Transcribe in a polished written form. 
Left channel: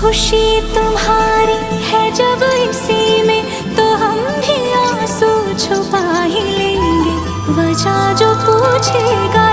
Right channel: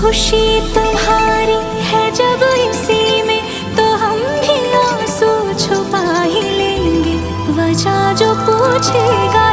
खुशी तुम्हारी है जब इसी में, तो हम भी आंसू छुपा ही लेंगे। वजह जो पूछेगा